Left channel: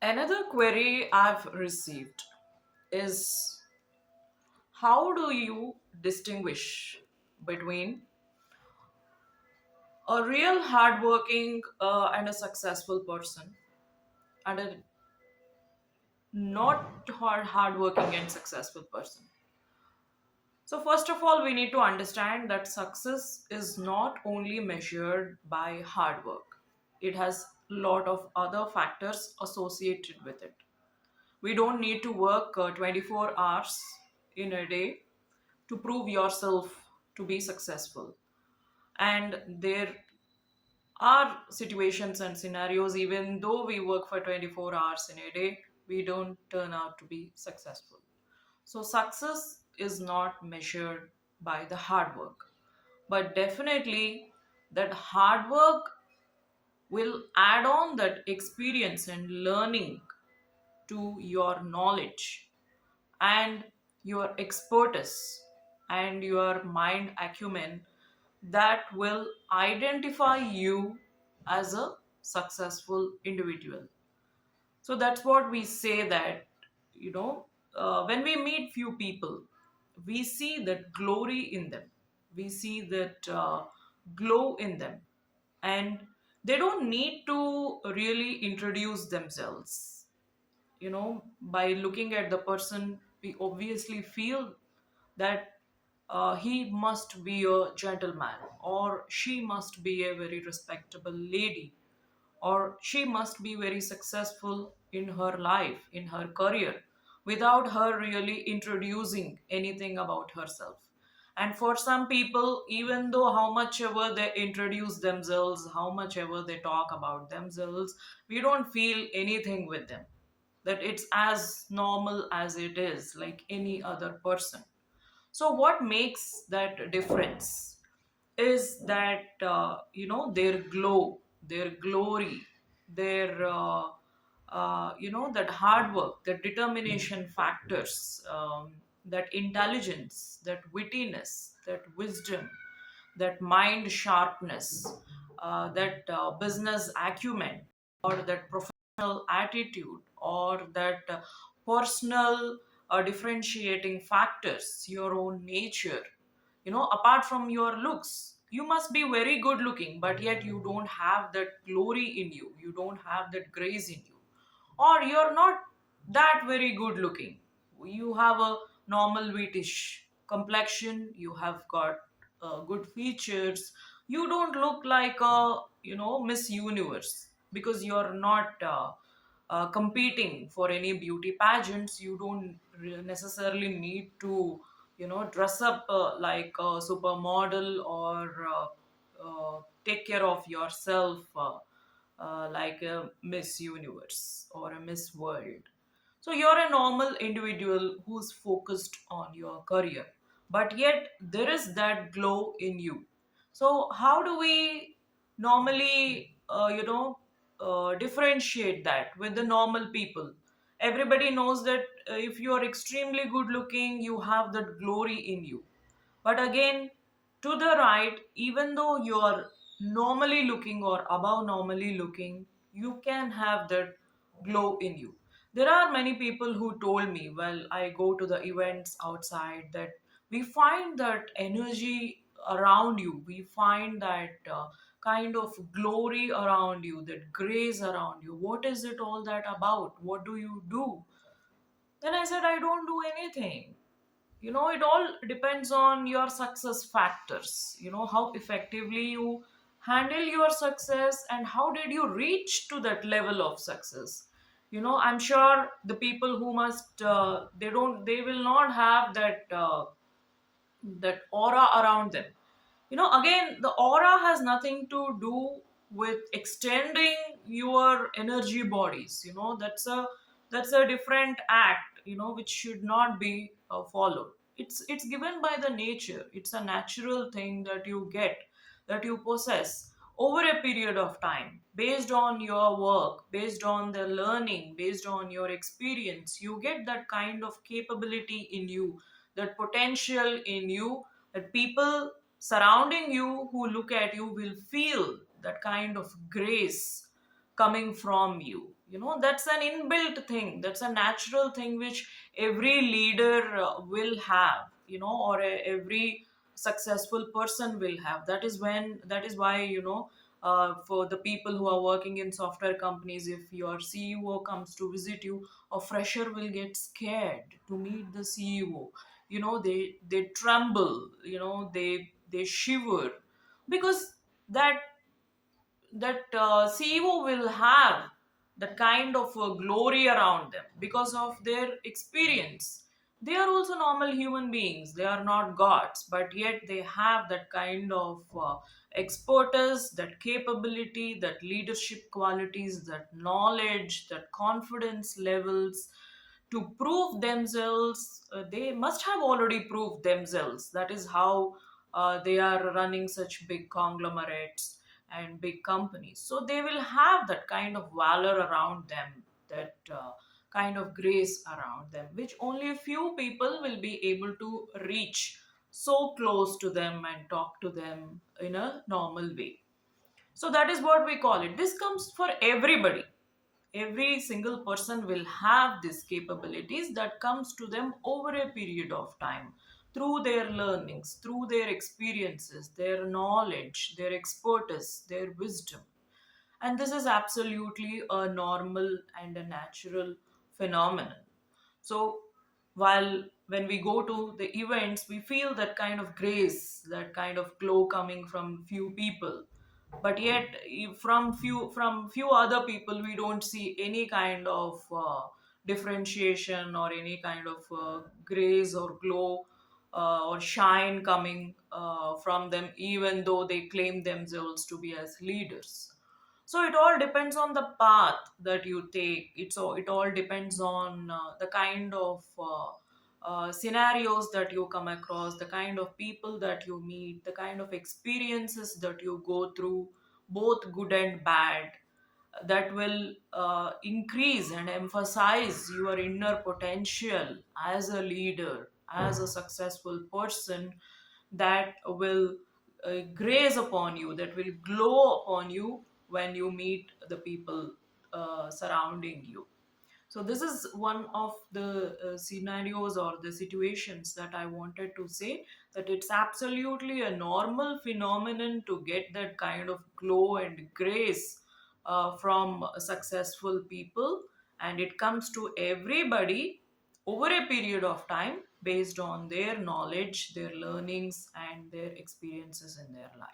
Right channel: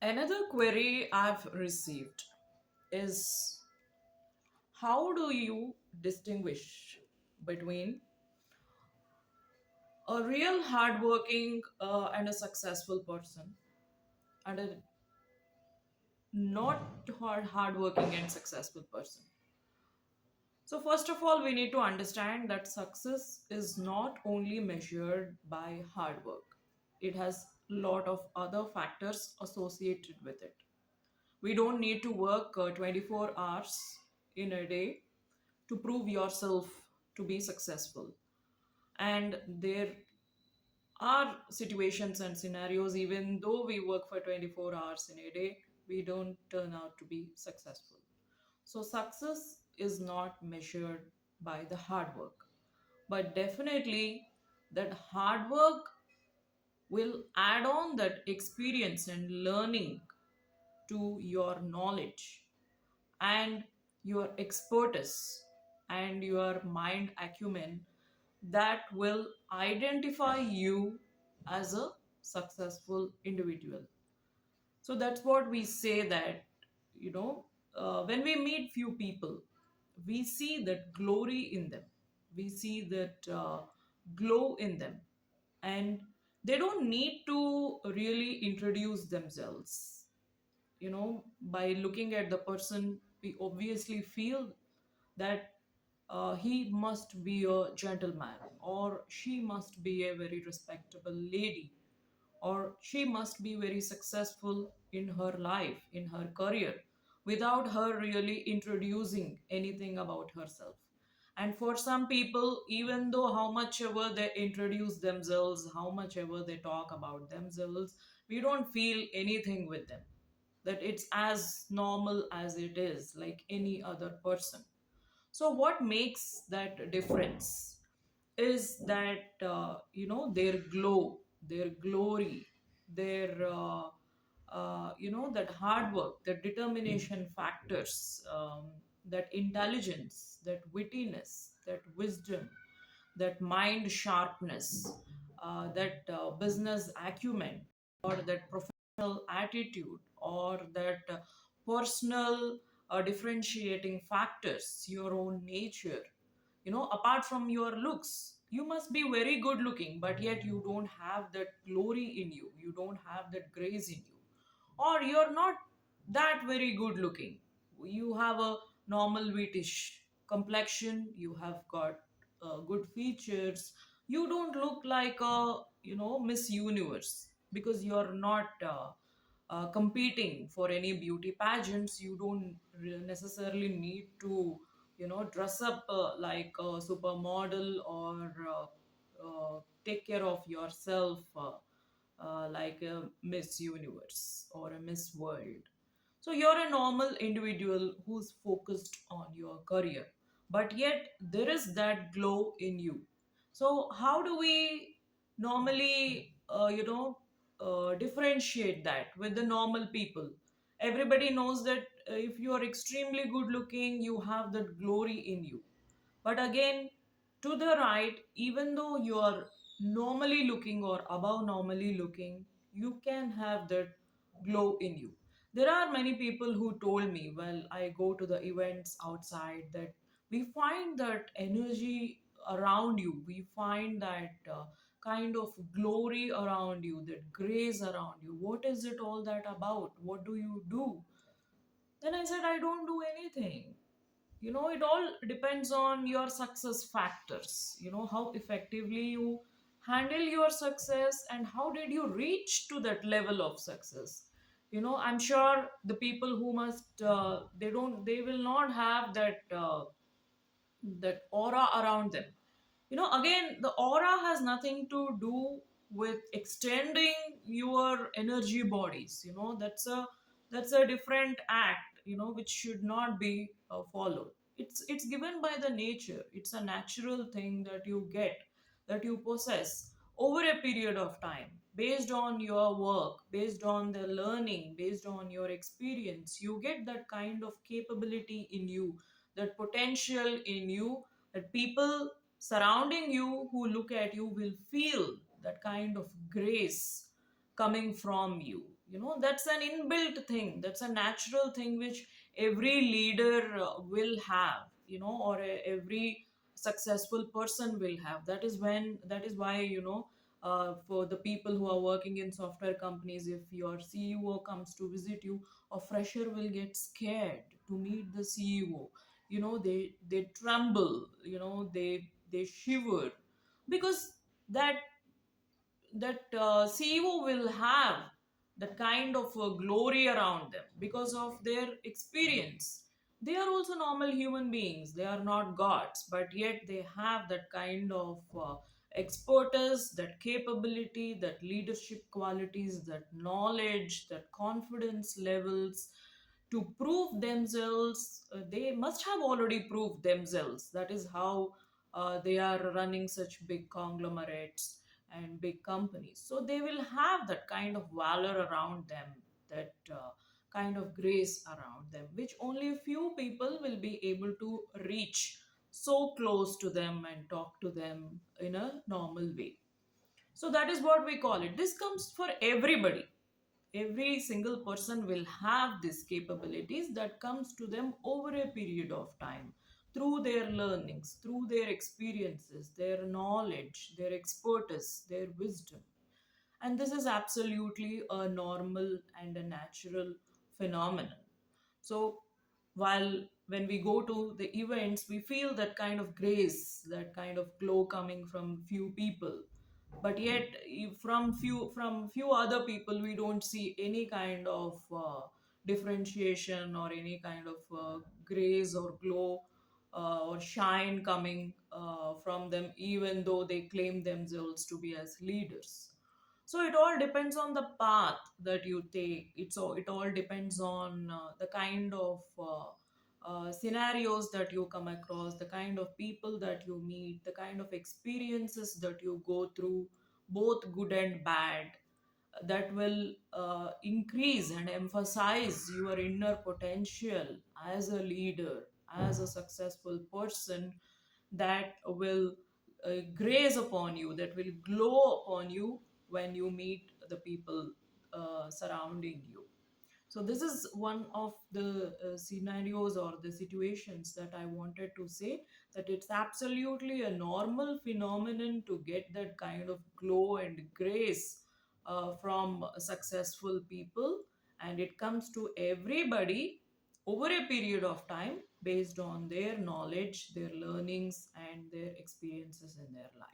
Another query I've received is how do you distinguish between a real hardworking and a successful person and a not hardworking and successful person? So, first of all, we need to understand that success is not only measured by hard work, it has a lot of other factors associated with it. We don't need to work 24 hours in a day to prove yourself to be successful. And there are situations and scenarios, even though we work for 24 hours in a day, we don't turn out to be successful. So, success is not measured by the hard work, but definitely that hard work will add on that experience and learning to your knowledge and your expertise and your mind acumen that will identify you as a successful individual. So that's what we say that, you know, when we meet few people, we see that glory in them, we see that glow in them, and they don't need to really introduce themselves. By looking at the person, we obviously feel that he must be a gentleman, or she must be a very respectable lady, or she must be very successful in her life, in her career, without her really introducing anything about herself. And for some people, even though how much ever they introduce themselves, how much ever they talk about themselves, we don't feel anything with them, that it's as normal as it is like any other person. So what makes that difference is that their glow, their glory, their that hard work, that determination factors, that intelligence, that wittiness, that wisdom, that mind sharpness, that business acumen, or that professional attitude, or that personal differentiating factors, your own nature. Apart from your looks, you must be very good looking, but yet you don't have that glory in you, you don't have that grace in you, or you're not that very good looking. You have a normal wheatish complexion, you have got good features, you don't look like a Miss Universe, because you're not competing for any beauty pageants. You don't necessarily need to dress up like a supermodel, or take care of yourself like a Miss Universe or a Miss World. So you're a normal individual who's focused on your career, but yet there is that glow in you. So how do we normally, differentiate that with the normal people? Everybody knows that if you are extremely good looking, you have that glory in you. But again, to the right, even though you are normally looking or above normally looking, you can have that glow in you. There are many people who told me, well, I go to the events outside, that we find that energy around you, we find that kind of glory around you, that grace around you. What is it all that about? What do you do? Then I said, I don't do anything. It all depends on your success factors. How effectively you handle your success, and how did you reach to that level of success. I'm sure the people who must they will not have that aura around them. Again, the aura has nothing to do with extending your energy bodies. That's a different act, which should not be followed. It's given by the nature. It's a natural thing that you get, that you possess over a period of time, based on your work, based on the learning, based on your experience. You get that kind of capability in you, that potential in you, that people surrounding you who look at you will feel that kind of grace coming from you. That's an inbuilt thing, that's a natural thing which every leader will have, or every successful person will have. That is why, for the people who are working in software companies, if your CEO comes to visit you, a fresher will get scared to meet the CEO. They tremble, they shiver, because that CEO will have that kind of glory around them because of their experience. They are also normal human beings. They are not gods, but yet they have that kind of expertise, that capability, that leadership qualities, that knowledge, that confidence levels to prove themselves. They must have already proved themselves. That is how they are running such big conglomerates and big companies. So they will have that kind of valor around them, that kind of grace around them, which only a few people will be able to reach so close to them and talk to them in a normal way. So that is what we call it. This comes for everybody. Every single person will have these capabilities that comes to them over a period of time, through their learnings, through their experiences, their knowledge, their expertise, their wisdom. And this is absolutely a normal and a natural phenomenon. So while when we go to the events, we feel that kind of grace, that kind of glow coming from few people, but yet from few other people we don't see any kind of differentiation or any kind of grace or glow or shine coming from them, even though they claim themselves to be as leaders. So it all depends on the path that you take. It all depends on the kind of scenarios that you come across, the kind of people that you meet, the kind of experiences that you go through, both good and bad, that will increase and emphasize your inner potential as a leader, as a successful person, that will graze upon you, that will glow upon you when you meet the people surrounding you. So this is one of the scenarios or the situations that I wanted to say, that it's absolutely a normal phenomenon to get that kind of glow and grace from successful people, and it comes to everybody over a period of time based on their knowledge, their learnings, and their experiences in their life.